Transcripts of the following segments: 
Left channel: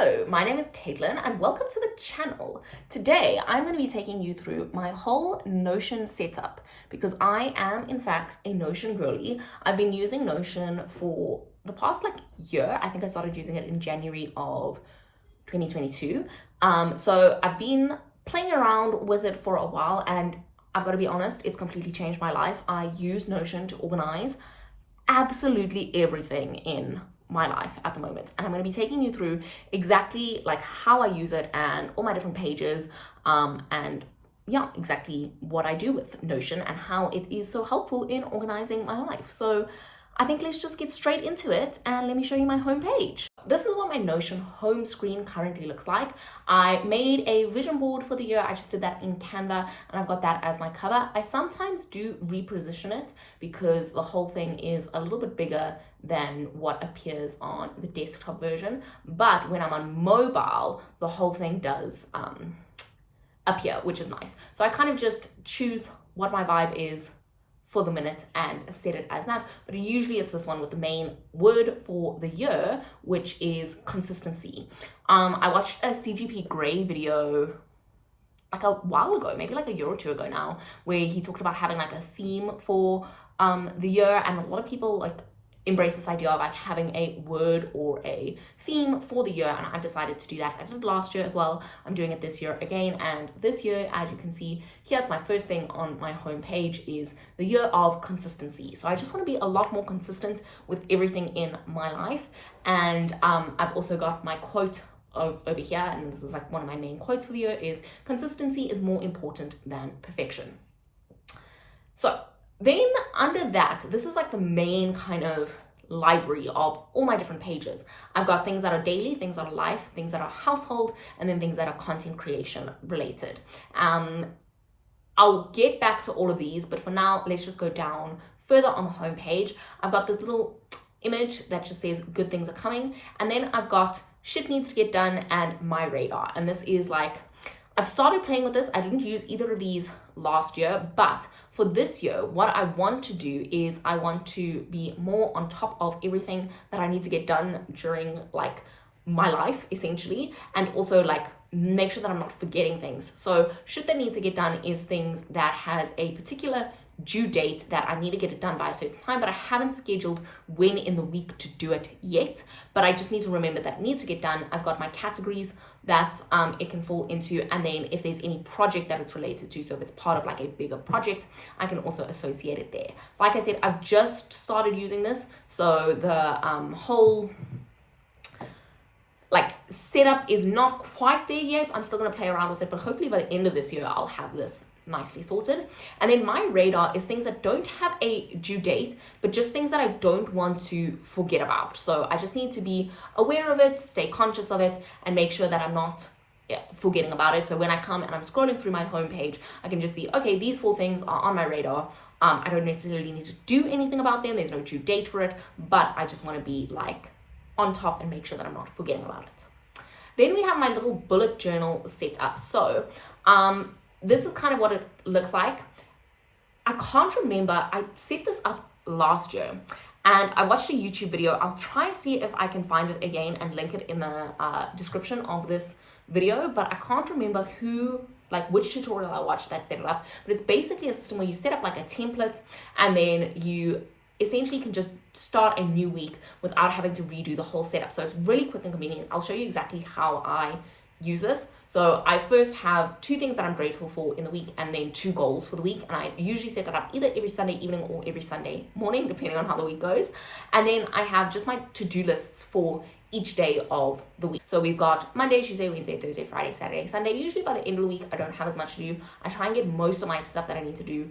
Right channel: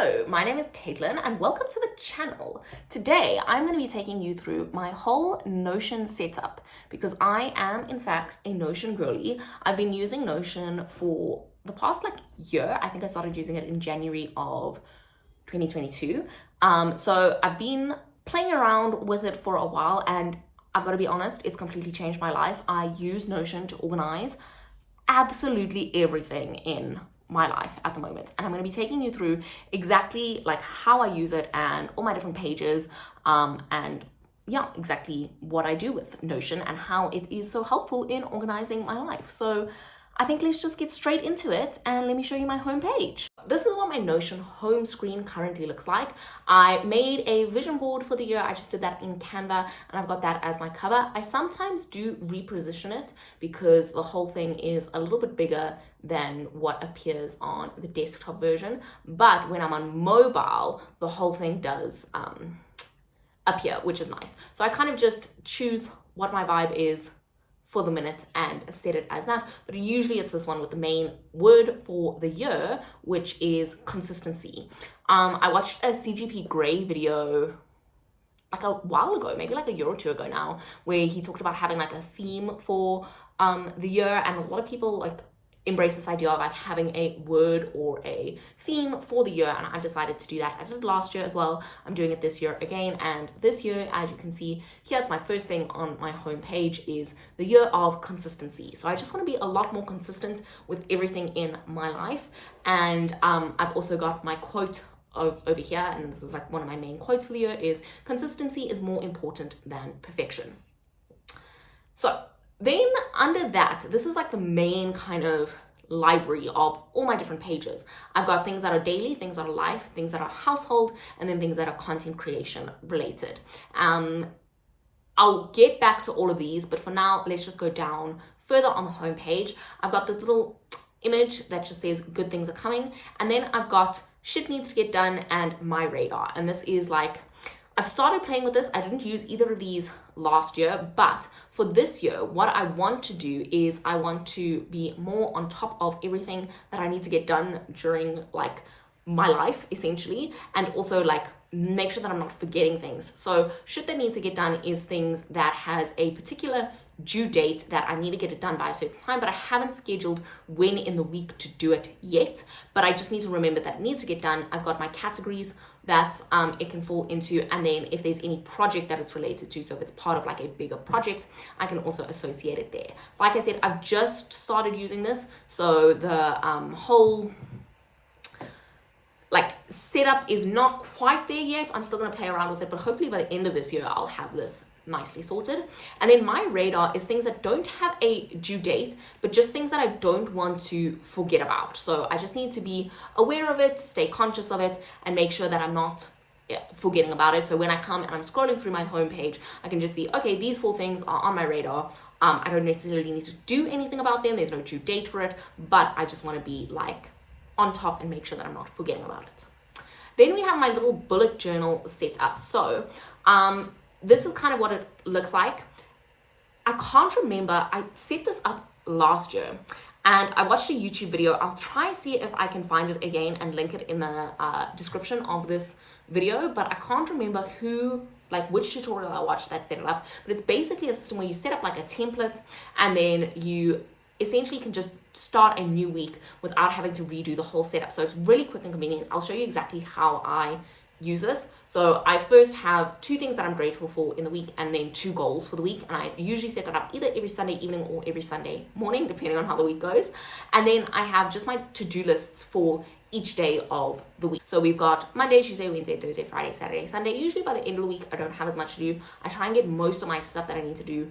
Hello, my name is Caitlin and welcome to the channel. Today I'm going to be taking you through my whole Notion setup because I am in fact a Notion girly. I've been using Notion for the past year. I think I started using it in January of 2022. So I've been playing around with it for a while and I've got to be honest, it's completely changed my life. I use Notion to organize absolutely everything in my life at the moment, and I'm going to be taking you through exactly how I use it and all my different pages, and yeah, exactly what I do with Notion and how it is so helpful in organizing my life. So I think let's just get straight into it and let me show you my homepage. This is what my Notion home screen currently looks like. I made a vision board for the year. I just did that in Canva and I've got that as my cover. I sometimes do reposition it because the whole thing is a little bit bigger than what appears on the desktop version. But when I'm on mobile, the whole thing does appear, which is nice. So I kind of just choose what my vibe is for the minute and set it as that, but usually it's this one with the main word for the year, which is consistency. I watched a CGP Grey video a while ago, maybe a year or two ago now, where he talked about having a theme for the year, and a lot of people embrace this idea of having a word or a theme for the year, and I've decided to do that. I did it last year as well. I'm doing it this year again, and this year, as you can see here, it's my first thing on my homepage is the year of consistency. So I just want to be a lot more consistent with everything in my life, and I've also got my quote over here, and this is one of my main quotes for the year is consistency is more important than perfection. So then under that, this is the main kind of library of all my different pages. I've got things that are daily, things that are life, things that are household, and then things that are content creation related. I'll get back to all of these, but for now, let's just go down further on the homepage. I've got this little image that just says good things are coming. And then I've got shit needs to get done and my radar. And this is I've started playing with this. I didn't use either of these last year, but for this year, what I want to do is I want to be more on top of everything that I need to get done during my life, essentially, and also make sure that I'm not forgetting things. So shit that needs to get done is things that has a particular due date that I need to get it done by a certain time, but I haven't scheduled when in the week to do it yet, but I just need to remember that it needs to get done. I've got my categories that it can fall into, and then if there's any project that it's related to, so if it's part of a bigger project, I can also associate it there. Like I said, I've just started using this, so the whole setup is not quite there yet. I'm still going to play around with it, but hopefully by the end of this year I'll have this nicely sorted. And then my radar is things that don't have a due date, but just things that I don't want to forget about. So I just need to be aware of it, stay conscious of it, and make sure that I'm not forgetting about it. So when I come and I'm scrolling through my homepage, I can just see, okay, these 4 things are on my radar. I don't necessarily need to do anything about them. There's no due date for it, but I just want to be on top and make sure that I'm not forgetting about it. Then we have my little bullet journal set up. So this is kind of what it looks like. I can't remember, I set this up last year and I watched a YouTube video. I'll try and see if I can find it again and link it in the description of this video, but I can't remember which tutorial I watched that set it up. But it's basically a system where you set up a template and then you essentially can just start a new week without having to redo the whole setup. So it's really quick and convenient. I'll show you exactly how I use this. So I first have 2 things that I'm grateful for in the week and then 2 goals for the week. And I usually set that up either every Sunday evening or every Sunday morning, depending on how the week goes. And then I have just my to-do lists for each day of the week. So we've got Monday, Tuesday, Wednesday, Thursday, Friday, Saturday, Sunday. Usually by the end of the week, I don't have as much to do. I try and get most of my stuff that I need to do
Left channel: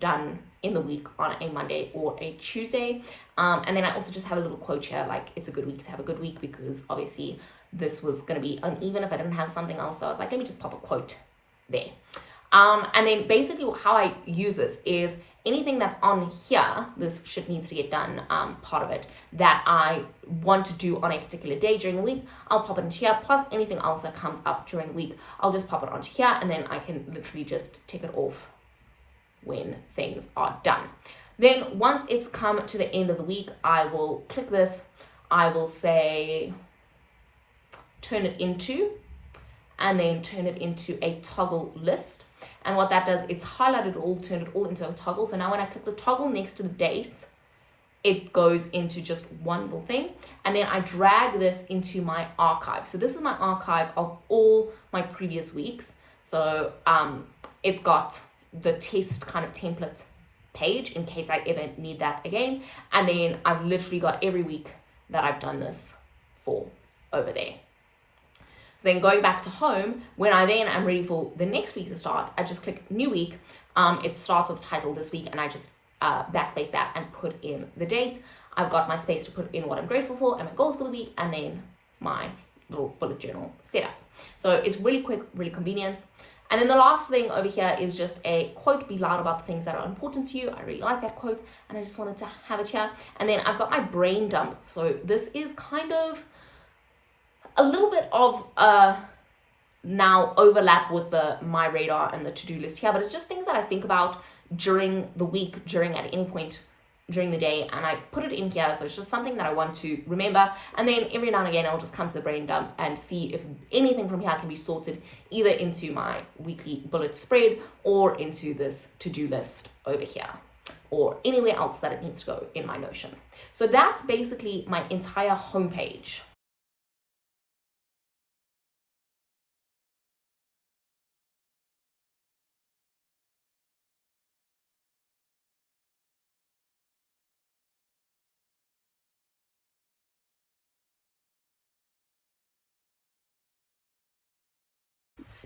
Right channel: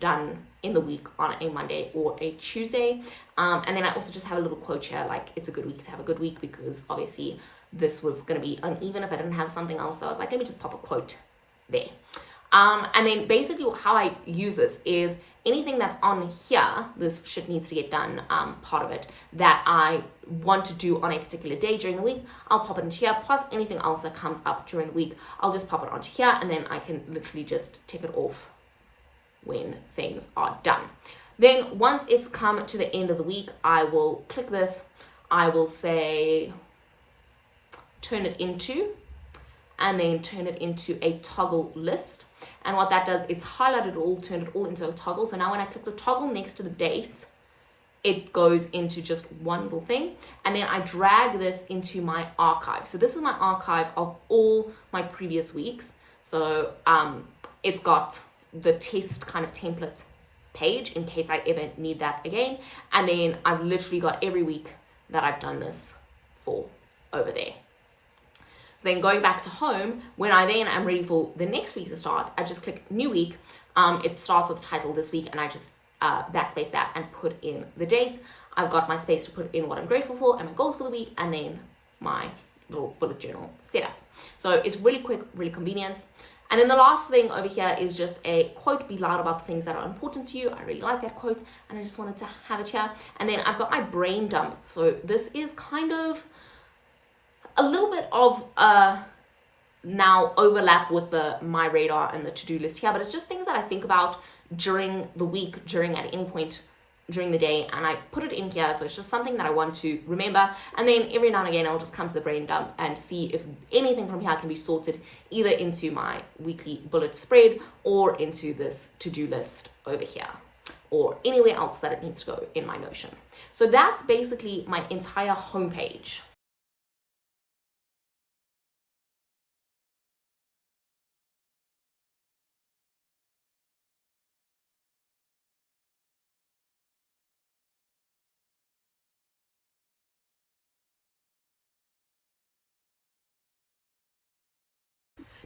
done in the week on a Monday or a Tuesday. And then I also just have a little quote here, it's a good week to have a good week, because obviously this was going to be uneven if I didn't have something else. So I was let me just pop a quote there. And then basically how I use this is anything that's on here, this shit needs to get done part of it, that I want to do on a particular day during the week, I'll pop it into here, plus anything else that comes up during the week, I'll just pop it onto here, and then I can literally just tick it off when things are done. Then once it's come to the end of the week, I will click this. I will say, turn it into, and then turn it into a toggle list. And what that does, it's highlighted all, turned it all into a toggle. So now when I click the toggle next to the date, it goes into just one little thing. And then I drag this into my archive. So this is my archive of all my previous weeks. So it's got the test kind of template page in case I ever need that again. And then I've literally got every week that I've done this for over there. So then going back to home, when I then am ready for the next week to start, I just click new week. It starts with the title this week, and I just backspace that and put in the date. I've got my space to put in what I'm grateful for and my goals for the week, and then my little bullet journal setup. So it's really quick, really convenient. And then the last thing over here is just a quote, be loud about the things that are important to you. I really like that quote, and I just wanted to have it here. And then I've got my brain dump. So this is kind of a little bit of now overlap with the my radar and the to-do list here, but it's just things that I think about during the week, at any point during the day, and I put it in here. So it's just something that I want to remember, and then every now and again I'll just come to the brain dump and see if anything from here can be sorted either into my weekly bullet spread or into this to-do list over here, or anywhere else that it needs to go in my Notion. So that's basically my entire homepage.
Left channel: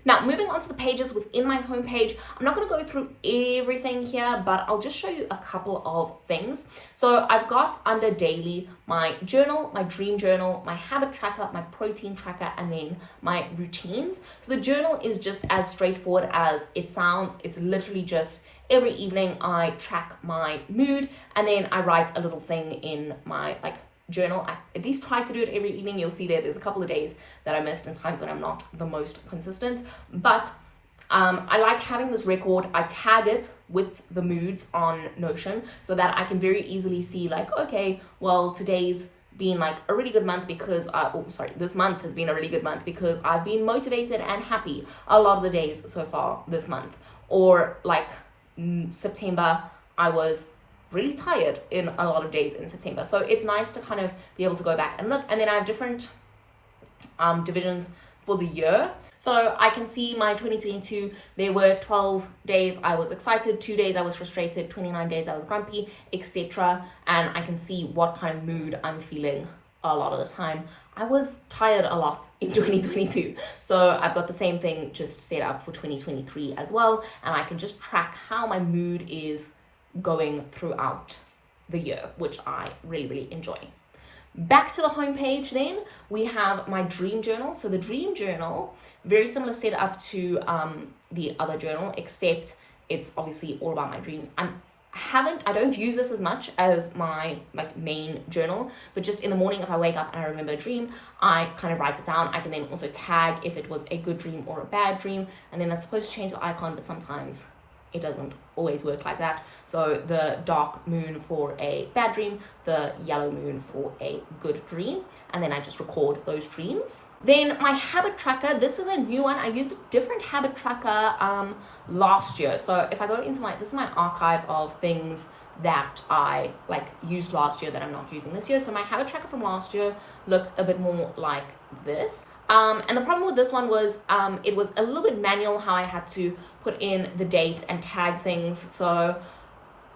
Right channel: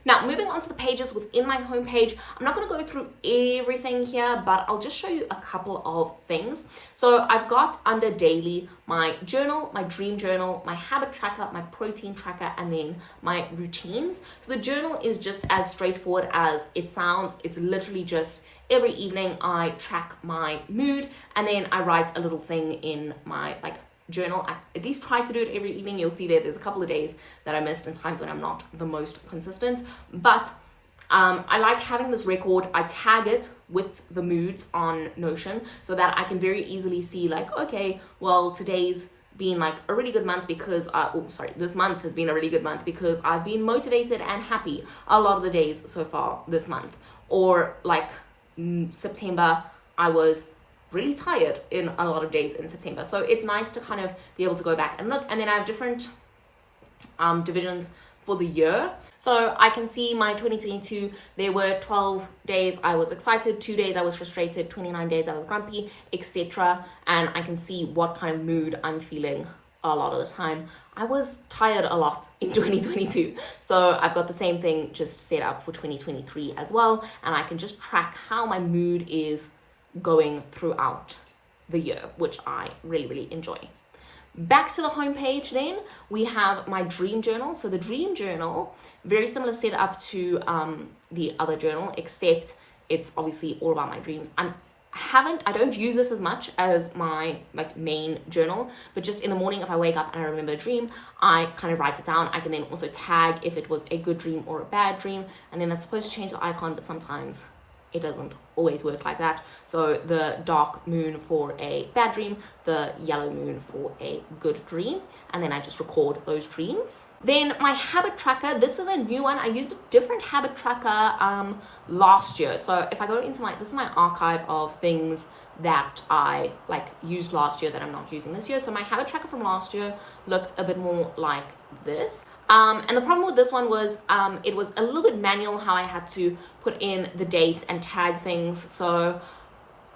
Now, moving on to the pages within my homepage, I'm not going to go through everything here, but I'll just show you a couple of things. So I've got under daily my journal, my dream journal, my habit tracker, my protein tracker, and then my routines. So the journal is just as straightforward as it sounds. It's literally just every evening I track my mood, and then I write a little thing in my journal. I at least try to do it every evening. You'll see there's a couple of days that I missed and times when I'm not the most consistent, but I like having this record. I tag it with the moods on Notion so that I can very easily see okay, well, today's been a really good month because this month has been a really good month because I've been motivated and happy a lot of the days so far this month. Or September, I was really tired in a lot of days in September. So it's nice to kind of be able to go back and look. And then I have different divisions for the year. So I can see my 2022, there were 12 days I was excited, 2 days I was frustrated, 29 days I was grumpy, etc. And I can see what kind of mood I'm feeling a lot of the time. I was tired a lot in 2022. So I've got the same thing just set up for 2023 as well. And I can just track how my mood is going throughout the year, which I really, really enjoy. Back to the homepage then, we have my dream journal. So the dream journal, very similar setup to the other journal, except it's obviously all about my dreams. I don't use this as much as my main journal, but just in the morning if I wake up and I remember a dream, I kind of write it down. I can then also tag if it was a good dream or a bad dream, and then I'm supposed to change the icon, but sometimes it doesn't always work like that. So the dark moon for a bad dream, the yellow moon for a good dream, and then I just record those dreams. Then my habit tracker, this is a new one. I used a different habit tracker last year. So if I go into this is my archive of things that I used last year that I'm not using this year. So my habit tracker from last year looked a bit more like this. And the problem with this one was it was a little bit manual how I had to put in the date and tag things. So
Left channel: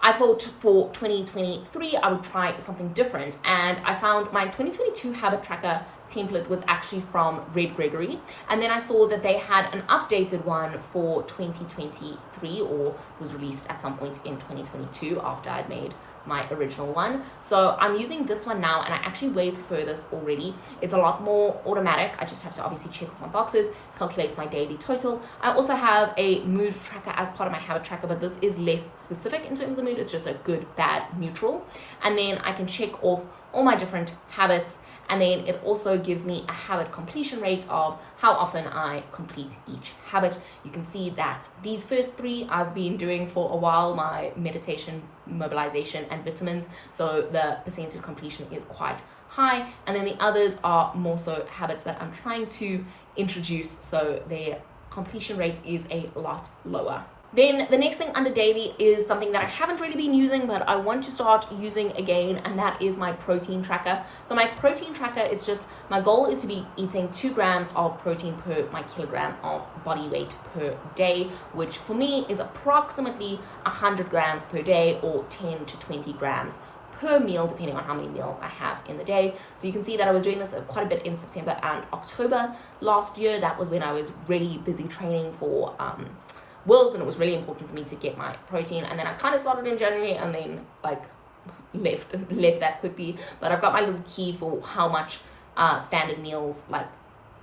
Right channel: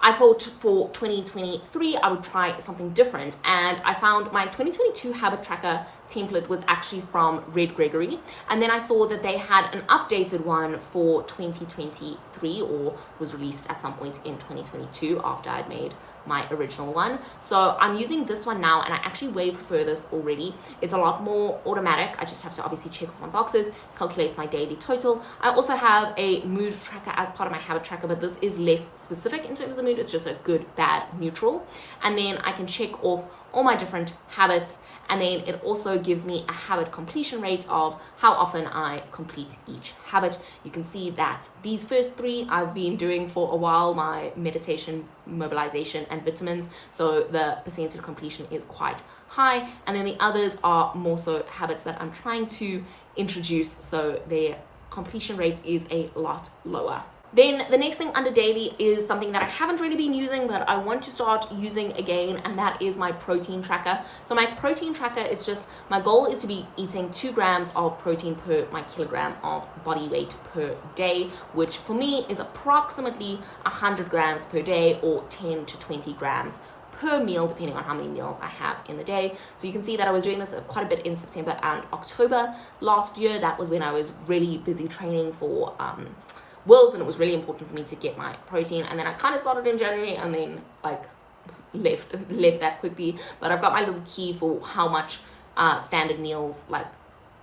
I thought for 2023, I would try something different. And I found my 2022 habit tracker template was actually from Red Gregory. And then I saw that they had an updated one for 2023, or was released at some point in 2022 after I'd made my original one. So I'm using this one now, and I actually way prefer this already. It's a lot more automatic. I just have to obviously check off my boxes, calculates my daily total. I also have a mood tracker as part of my habit tracker, but this is less specific in terms of the mood. It's just a good, bad, neutral. And then I can check off all my different habits, And then it also gives me a habit completion rate of how often I complete each habit. You can see that these first three I've been doing for a while, my meditation, mobilization, and vitamins. So the percentage completion is quite high. And then the others are more so habits that I'm trying to introduce, so their completion rate is a lot lower. Then the next thing under daily is something that I haven't really been using, but I want to start using again, and that is my protein tracker. So my protein tracker is just, my goal is to be eating 2 grams of protein per my kilogram of body weight per day, which for me is approximately 100 grams per day, or 10 to 20 grams per meal, depending on how many meals I have in the day. So you can see that I was doing this quite a bit in September and October last year. That was when I was really busy training for Worlds, and it was really important for me to get my protein. And then I kind of started in January and then like left that quickly. But I've got my little key for how much standard meals like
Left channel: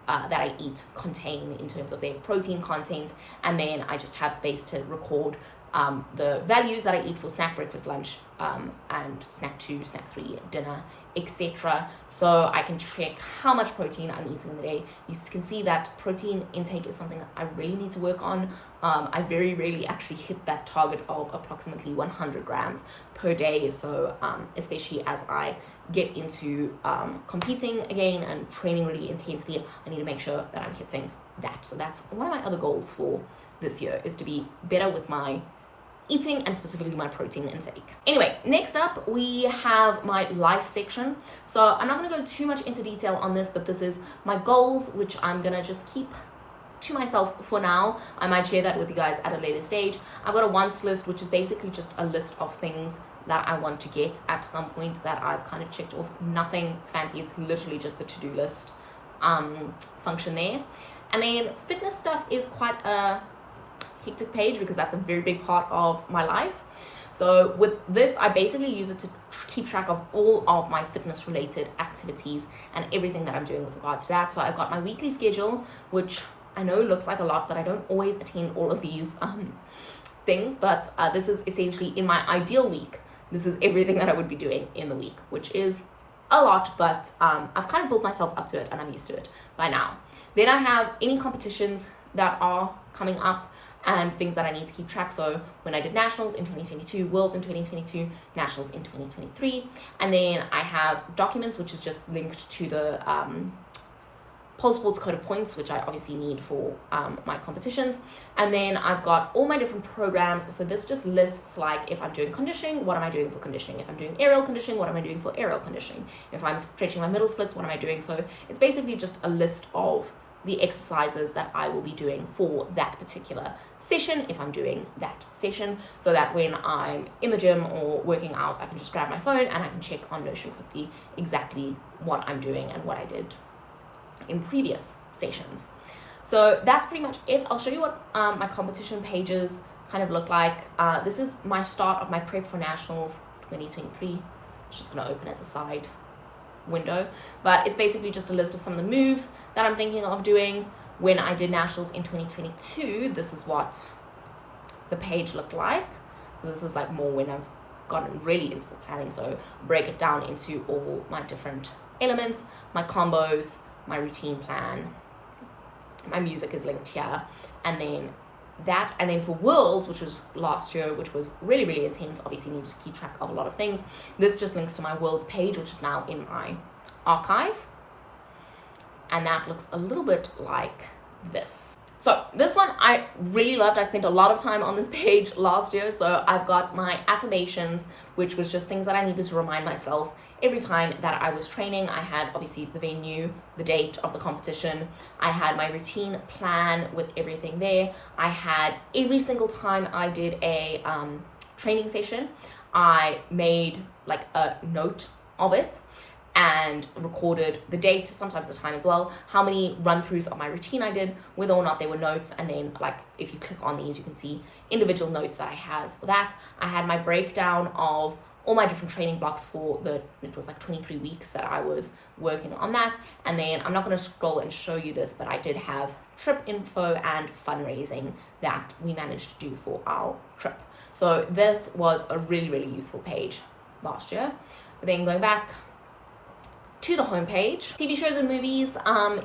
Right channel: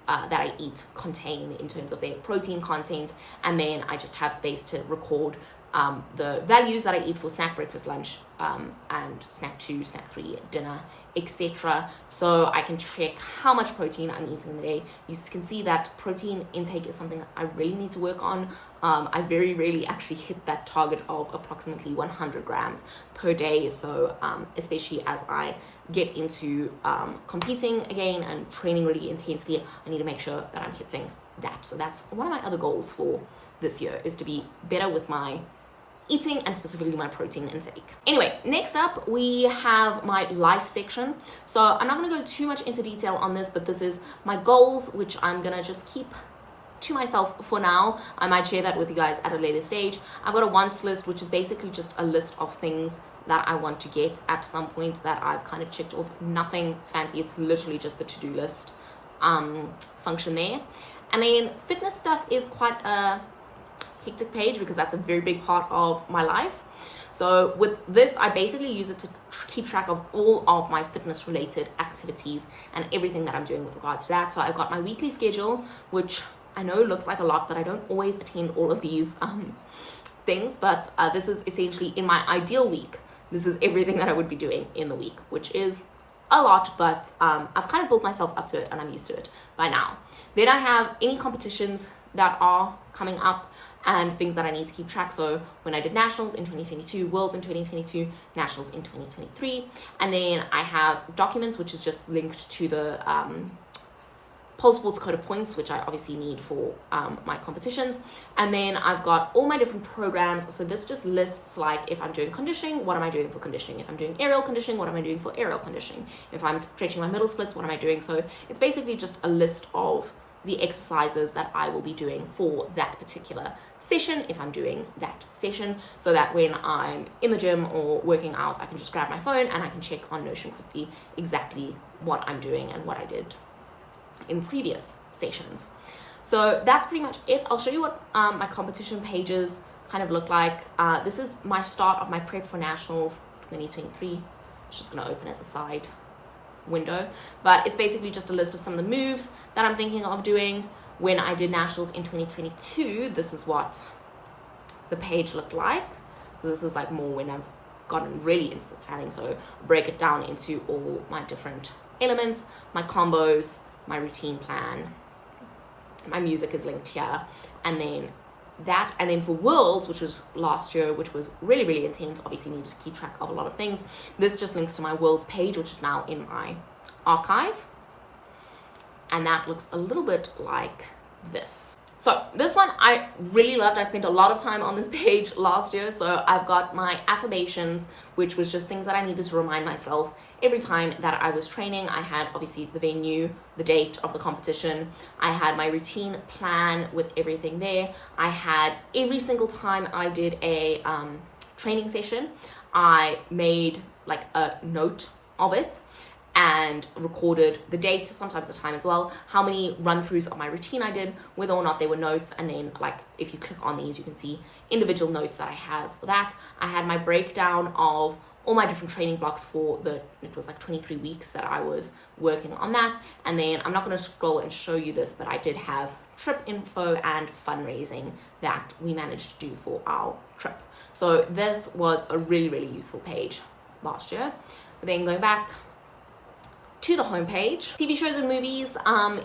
that I eat contain in terms of their protein content, and then I just have space to record the values that I eat for snack, breakfast, lunch, and snack 2, snack 3, dinner, etc. So I can check how much protein I'm eating in the day. You can see that protein intake is something that I really need to work on. I very rarely actually hit that target of approximately 100 grams per day. So especially as I get into competing again and training really intensely, I need to make sure that I'm hitting that. So that's one of my other goals for this year, is to be better with my eating and specifically my protein intake. Anyway, next up we have my life section. So I'm not going to go too much into detail on this, but this is my goals, which I'm going to just keep to myself for now. I might share that with you guys at a later stage. I've got a wants list, which is basically just a list of things that I want to get at some point that I've kind of checked off. Nothing fancy, it's literally just the to-do list function there. And then fitness stuff is quite a hectic page because that's a very big part of my life. So with this, I basically use it to keep track of all of my fitness related activities and everything that I'm doing with regards to that. So I've got my weekly schedule, which I know looks like a lot, but I don't always attend all of these things. But this is essentially, in my ideal week, this is everything that I would be doing in the week, which is a lot, but I've kind of built myself up to it and I'm used to it by now. Then I have any competitions that are coming up and things that I need to keep track. So when I did nationals in 2022, worlds in 2022, nationals in 2023, and then I have documents, which is just linked to the Pole Sports Code of Points, which I obviously need for my competitions. And then I've got all my different programs. So this just lists, like, if I'm doing conditioning, what am I doing for conditioning? If I'm doing aerial conditioning, what am I doing for aerial conditioning? If I'm stretching my middle splits, what am I doing? So it's basically just a list of the exercises that I will be doing for that particular session, if I'm doing that session, so that when I'm in the gym or working out, I can just grab my phone and I can check on Notion quickly exactly what I'm doing and what I did in previous sessions. So that's pretty much it. I'll show you what my competition pages kind of look like. This is my start of my prep for nationals 2023. It's just going to open as a side window, but it's basically just a list of some of the moves that I'm thinking of doing. When I did nationals in 2022, this is what the page looked like. So this is like more when I've gotten really into the planning. So break it down into all my different elements, my combos, my routine plan, my music is linked here, and then that. And then for worlds, which was last year, which was really, really intense, obviously needed to keep track of a lot of things. This just links to my worlds page, which is now in my archive. And that looks a little bit like this. So this one I really loved. I spent a lot of time on this page last year. So I've got my affirmations, which was just things that I needed to remind myself every time that I was training. I had obviously the venue, the date of the competition. I had my routine plan with everything there. I had every single time I did a training session, I made like a note of it and recorded the date, sometimes the time as well, how many run-throughs of my routine I did, whether or not they were notes. And then, like, if you click on these, you can see individual notes that I had for that. I had my breakdown of all my different training blocks for it was like 23 weeks that I was working on that. And then I'm not going to scroll and show you this, but I did have trip info and fundraising that we managed to do for our trip. So this was a really, really useful page last year. But then going back to the homepage. TV shows and movies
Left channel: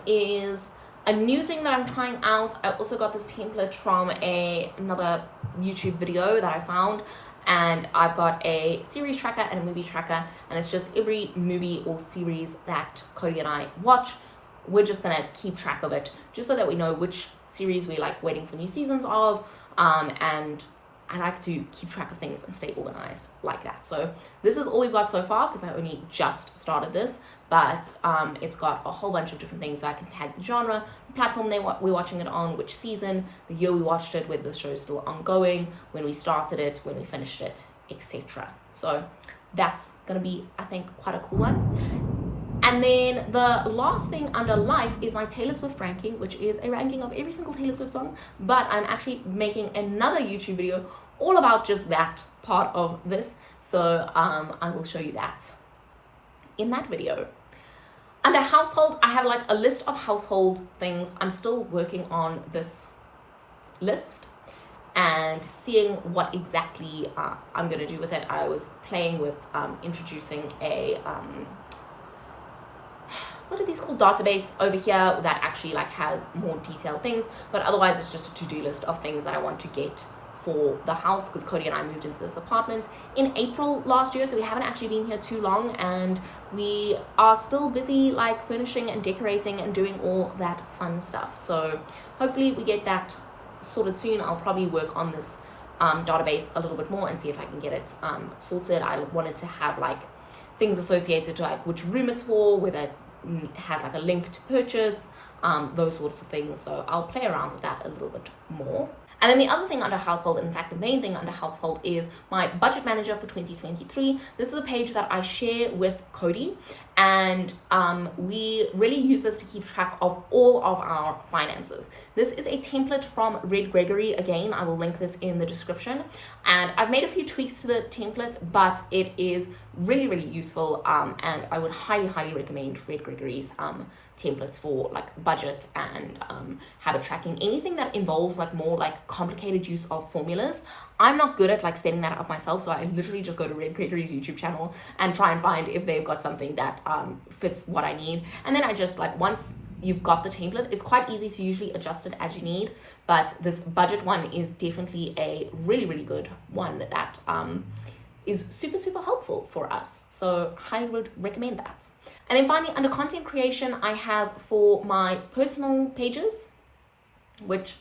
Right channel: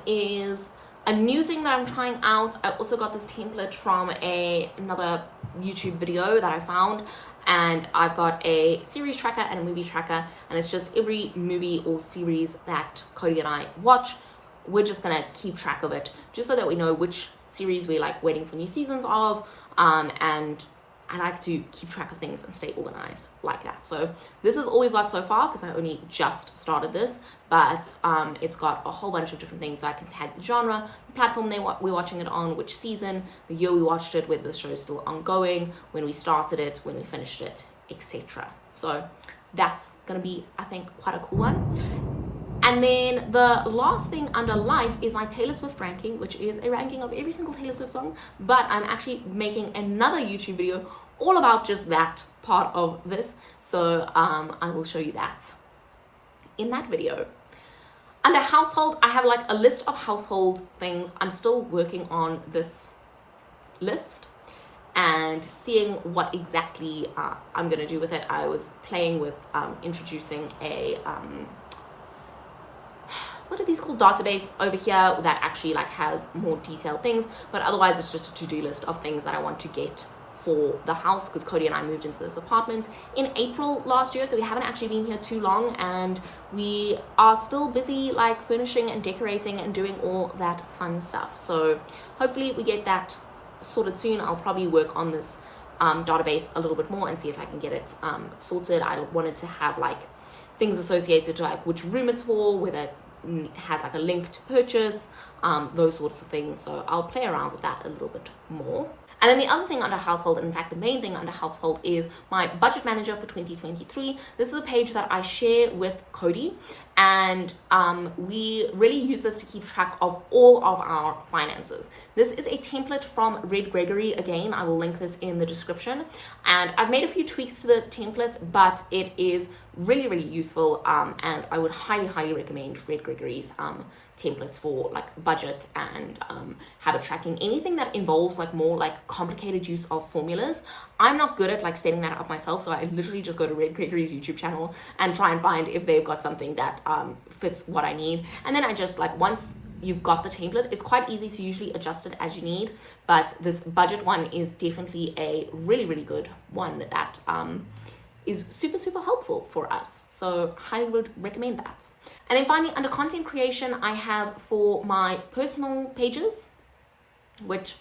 is a new thing that I'm trying out. I also got this template from another YouTube video that I found, and I've got a series tracker and a movie tracker, and it's just every movie or series that Cody and I watch. We're just gonna keep track of it just so that we know which series we're like waiting for new seasons of, and I like to keep track of things and stay organized like that. So this is all we've got so far because I only just started this, but it's got a whole bunch of different things. So I can tag the genre, the platform we're watching it on, which season, the year we watched it, whether the show is still ongoing, when we started it, when we finished it, etc. So that's gonna be, I think, quite a cool one. And then the last thing under life is my Taylor Swift ranking, which is a ranking of every single Taylor Swift song, but I'm actually making another YouTube video all about just that part of this. So I will show you that in that video. Under household, I have like a list of household things. I'm still working on this list and seeing what exactly I'm gonna do with it. I was playing with introducing a what are these called, database over here that actually like has more detailed things, but otherwise it's just a to-do list of things that I want to get for the house, because Cody and I moved into this apartment in April last year, so we haven't actually been here too long, and we are still busy like furnishing and decorating and doing all that fun stuff. So hopefully we get that sorted soon. I'll probably work on this database a little bit more and see if I can get it sorted. I wanted to have like things associated to like which room it's for, whether it has like a link to purchase, those sorts of things. So I'll play around with that a little bit more. And then the other thing under household, in fact the main thing under household, is my budget manager for 2023. This is a page that I share with Cody, and we really use this to keep track of all of our finances. This is a template from Red Gregory. Again, I will link this in the description, and I've made a few tweaks to the template, but it is really useful, and I would highly recommend Red Gregory's templates for like budget and habit tracking. Anything that involves like more like complicated use of formulas, I'm not good at like setting that up myself, so I literally just go to Red Gregory's YouTube channel and try and find if they've got something that fits what I need, and then I just like, once you've got the template, it's quite easy to usually adjust it as you need. But this budget one is definitely a really good one that is super helpful for us, so highly would recommend that. And then finally, under content creation, I have for my personal pages, which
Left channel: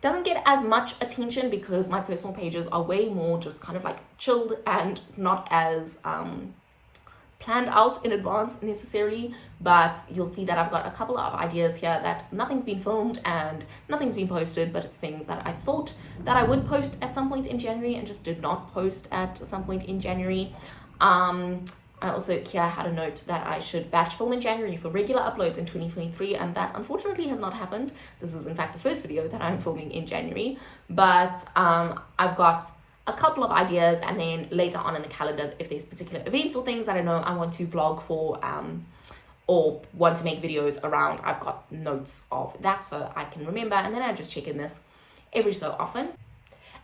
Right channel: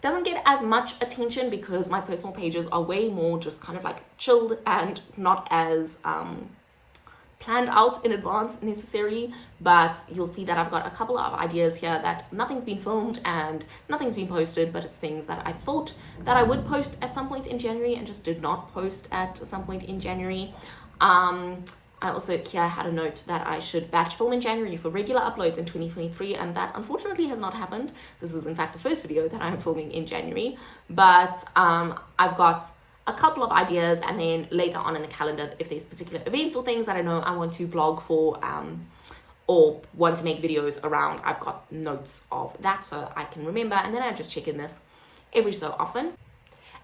doesn't get as much attention because my personal pages are way more just kind of like chilled and not as planned out in advance necessarily, but you'll see that I've got a couple of ideas here that nothing's been filmed and nothing's been posted, but it's things that I thought that I would post at some point in January and just did not post at some point in January. I also here had a note that I should batch film in January for regular uploads in 2023, and that unfortunately has not happened. This is in fact the first video that I'm filming in January, but I've got a couple of ideas, and then later on in the calendar, if there's particular events or things that I know I want to vlog for or want to make videos around, I've got notes of that so I can remember, and then I just check in this every so often.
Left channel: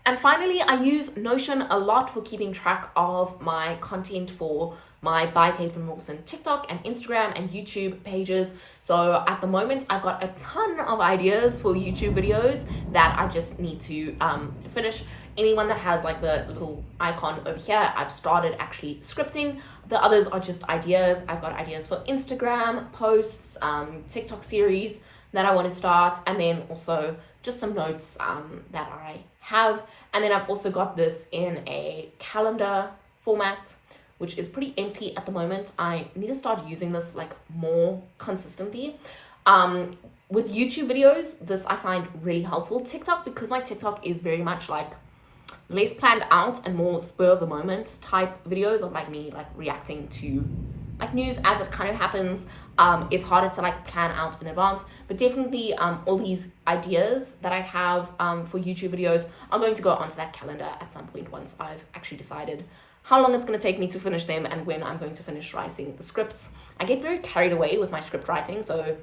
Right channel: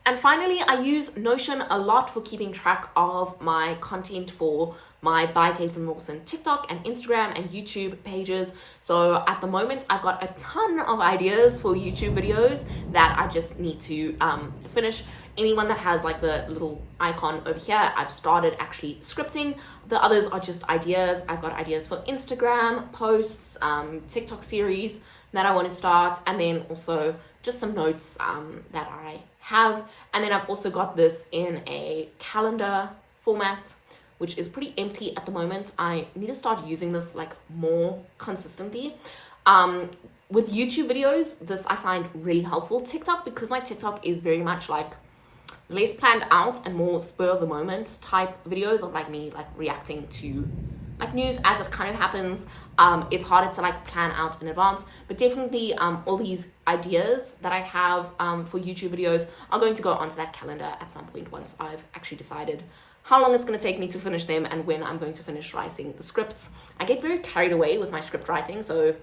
And finally, I use Notion a lot for keeping track of my content for my By Caitlin Lawson TikTok and Instagram and YouTube pages. So at the moment, I've got a ton of ideas for YouTube videos that I just need to finish. Anyone that has like the little icon over here, I've started actually scripting. The others are just ideas. I've got ideas for Instagram posts, TikTok series that I want to start, and then also just some notes that I have. And then I've also got this in a calendar format, which is pretty empty at the moment. I need to start using this like more consistently. With YouTube videos, this I find really helpful. TikTok, because my TikTok is very much like less planned out and more spur of the moment type videos of like me like reacting to like news as it kind of happens. It's harder to like plan out in advance, but definitely all these ideas that I have for YouTube videos are going to go onto that calendar at some point once I've actually decided how long it's going to take me to finish them and when I'm going to finish writing the scripts. I get very carried away with my script writing, so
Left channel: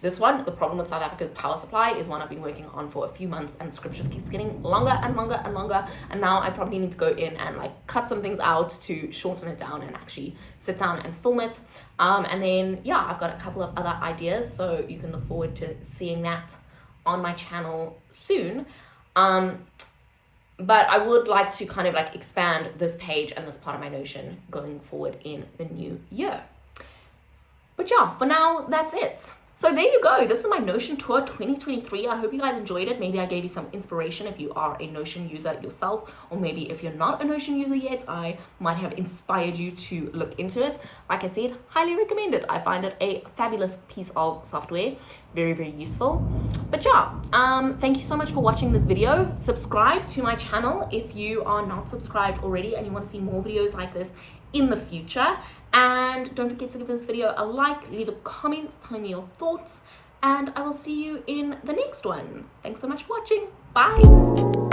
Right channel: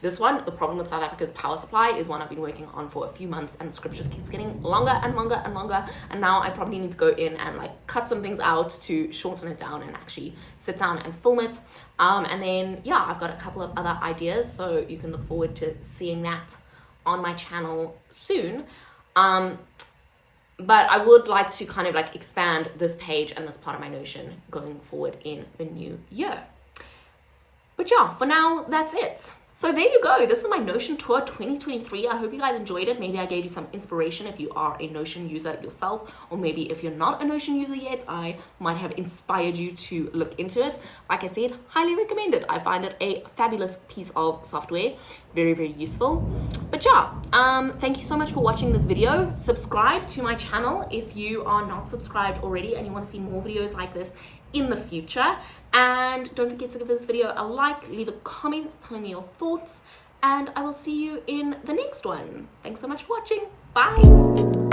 This one, the problem with South Africa's power supply, is one I've been working on for a few months, and the script just keeps getting longer and longer and longer. And now I probably need to go in and like cut some things out to shorten it down and actually sit down and film it. And then, yeah, I've got a couple of other ideas, so you can look forward to seeing that on my channel soon. But I would like to kind of like expand this page and this part of my Notion going forward in the new year. But yeah, for now, that's it. So there you go. This is my Notion tour 2023. I hope you guys enjoyed it. Maybe I gave you some inspiration if you are a Notion user yourself, or maybe if you're not a Notion user yet, I might have inspired you to look into it. Like I said, highly recommend it. I find it a fabulous piece of software. Very, very useful. But yeah, thank you so much for watching this video. Subscribe to my channel if you are not subscribed already and you want to see more videos like this in the future. And don't forget to give this video a like, leave a comment telling me your thoughts, and I will see you in the next one. Thanks so much for watching. Bye.